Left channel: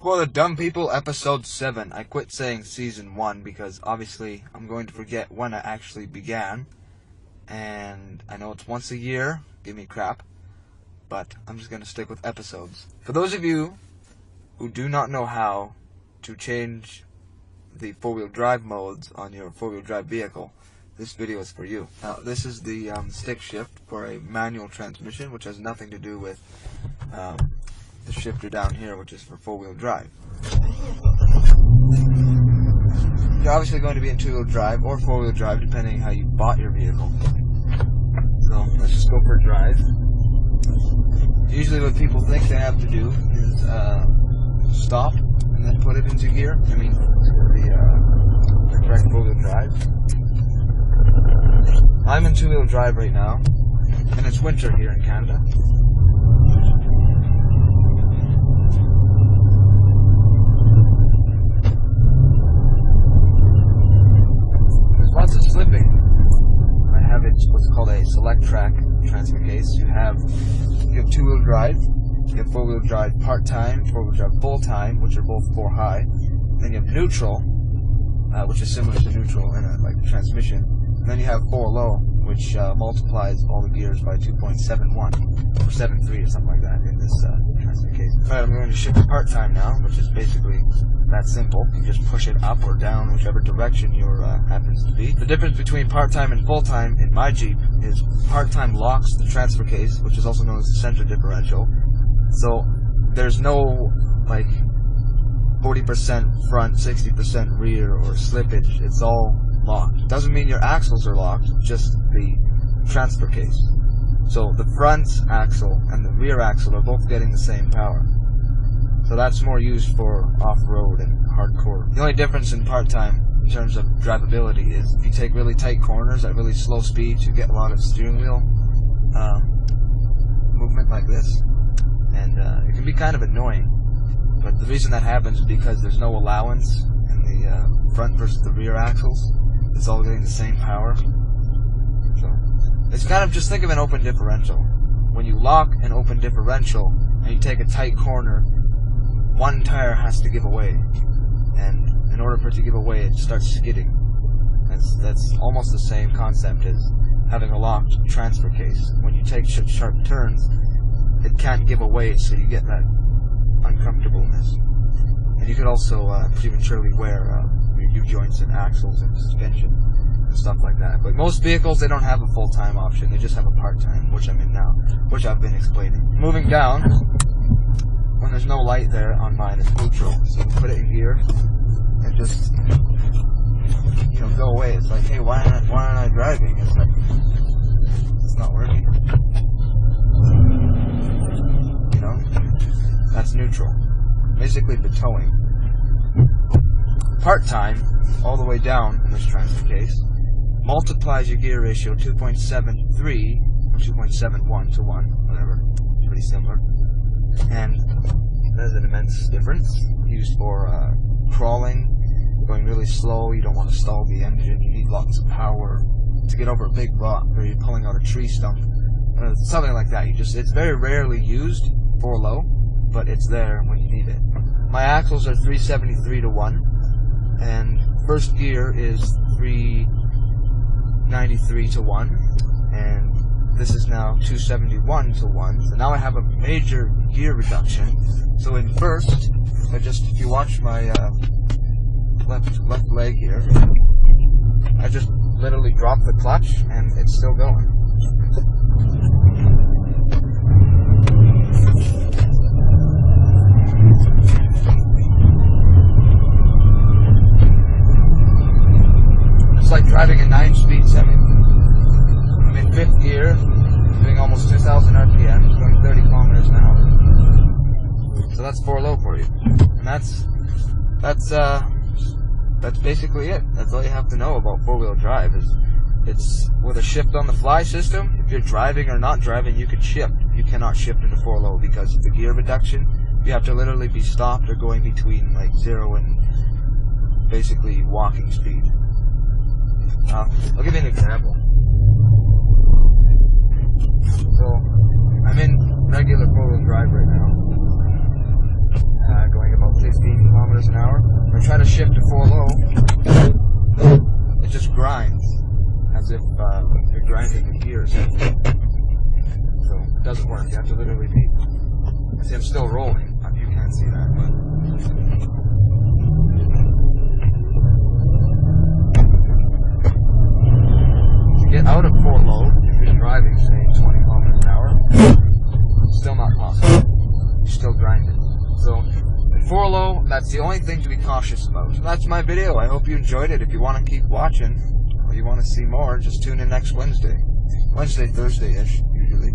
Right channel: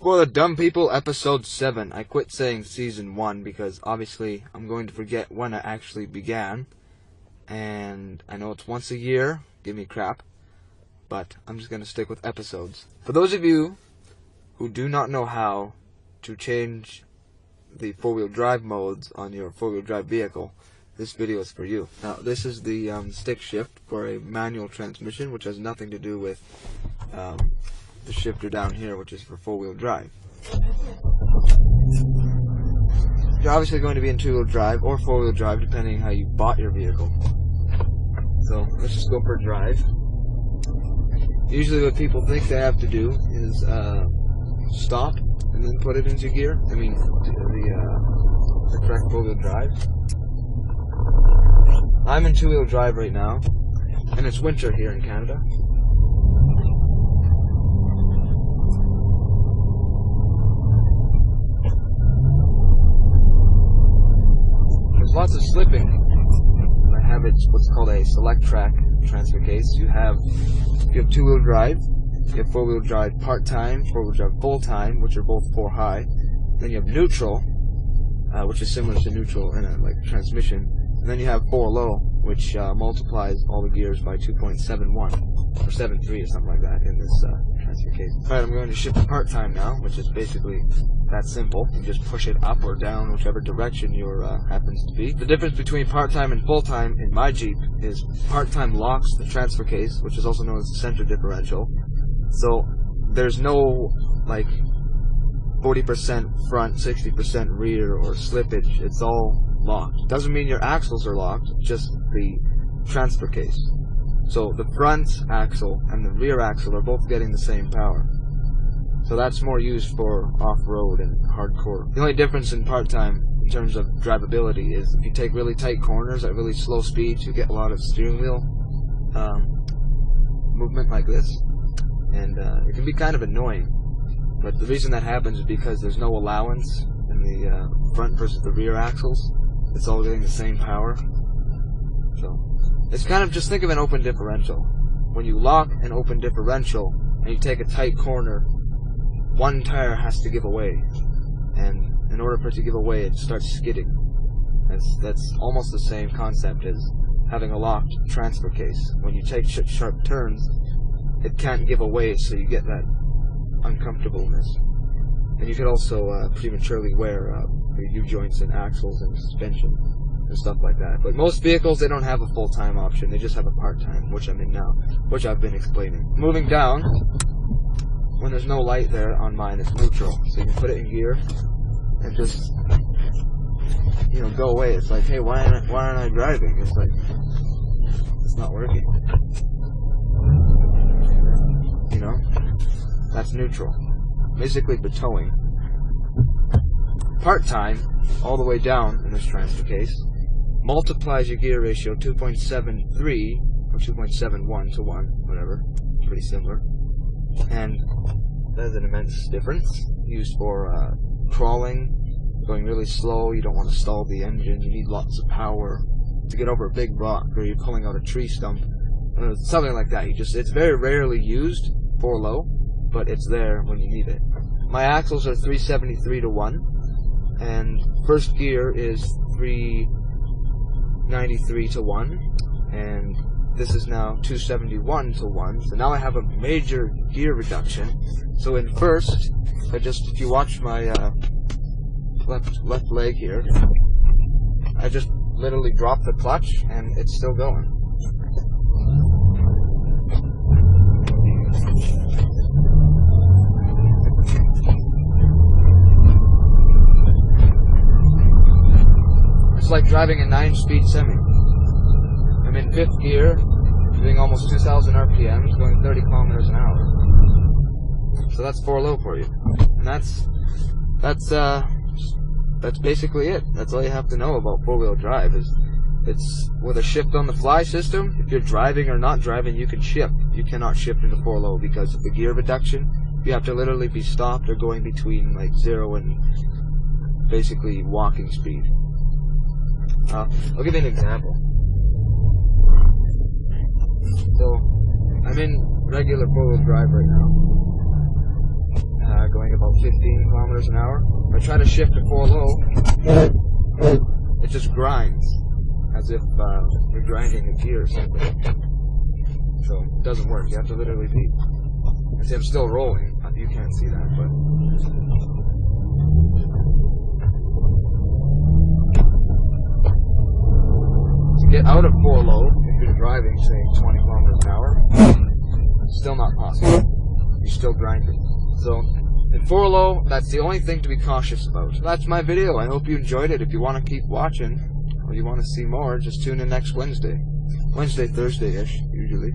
For the Dumb People, episode 7. I quit saying season 1 because obviously I'm going to forget when I actually began. And I know it's once a year, give me crap, but I'm just going to stick with episodes. For those of you who do not know how to change the four-wheel drive modes on your four-wheel drive vehicle, this video is for you. Now, this is the stick shift for a manual transmission, which has nothing to do with the shifter down here, which is for four-wheel drive. You're obviously going to be in two-wheel drive or four-wheel drive, depending how you bought your vehicle. So let's just go for drive. Usually what people think they have to do is stop and then put it into gear. I mean, the correct four-wheel drive. I'm in two-wheel drive right now, and it's winter here in Canada. There's lots of slipping. I have what's called a select track transfer case. You have two-wheel drive, you have four-wheel drive part-time, four-wheel drive full-time, which are both 4 high. Then you have neutral, which is similar to neutral in a transmission. And then you have 4 low, which multiplies all the gears by 2.71 or 7.3 or something like that in this transfer case. Alright, I'm going to shift to part-time now, which is basically that simple. You just push it up or down, whichever direction your happens to be. The difference between part-time and full-time in my Jeep is part-time locks the transfer case, which is also known as the center differential. So there's no like 40% front, 60% rear or slippage. It's all locked. Doesn't mean your axles are locked, just the transfer case. So the front axle and the rear axle are both getting the same power. So that's more used for off-road and hardcore. The only difference in part-time in terms of drivability is if you take really tight corners at really slow speeds, you get a lot of steering wheel movement like this, and it can be kind of annoying. But the reason that happens is because there's no allowance in the front versus the rear axles. It's all getting the same power. So it's kind of, just think of an open differential. When you lock an open differential and you take a tight corner, one tire has to give away, and in order for it to give away, it starts skidding. That's almost the same concept as having a locked transfer case. When you take sharp turns, it can't give away, so you get that uncomfortableness. And you could also prematurely wear your U-joints and axles and suspension and stuff like that. But most vehicles, they don't have a full-time option. They just have a part-time, which I'm in now, which I've been explaining. Moving down, when there's no light there on mine, it's neutral. So you can put it in gear and just, go away. It's like, hey, why aren't I driving? It's like, it's not working. That's neutral. Basically for towing. Part-time, all the way down in this transfer case, multiplies your gear ratio 2.73 or 2.71 to 1, whatever. It's pretty similar. And there's an immense difference. Used for crawling, going really slow, you don't want to stall the engine, you need lots of power to get over a big rock, or you're pulling out a tree stump, something like that. It's very rarely used for low, but it's there when you need it. My axles are 373 to 1, and first gear is 393 to 1, and this is now 271 to 1, so now I have a major gear reduction. So in first, if you watch my left leg here, I just literally drop the clutch and it's still going. It's like driving a 9-speed semi. I'm in 5th gear, doing almost 2,000 RPMs, going 30 kilometers an hour. So that's 4 low for you. And that's basically it. That's all you have to know about four-wheel drive. It's with a shift on the fly system. If you're driving or not driving, you can shift. You cannot shift into 4 low because of the gear reduction. You have to literally be stopped or going between like 0 and basically walking speed. I'll give you an example. So I'm in regular four-wheel drive right now. going about 15 kilometers an hour. When I try to shift to 4 low, it just grinds, as if you're grinding a gear or something. So it doesn't work. You have to literally be. I see I'm still rolling. You can't see that, but. To get out of 4 low, if you're driving, say 20 kilometers an hour, still not possible. You're still grinding. So in 4 low, that's the only thing to be cautious about. So that's my video. I hope you enjoyed it. If you want to keep watching, or you want to see more, just tune in next Wednesday. Thursday-ish, usually.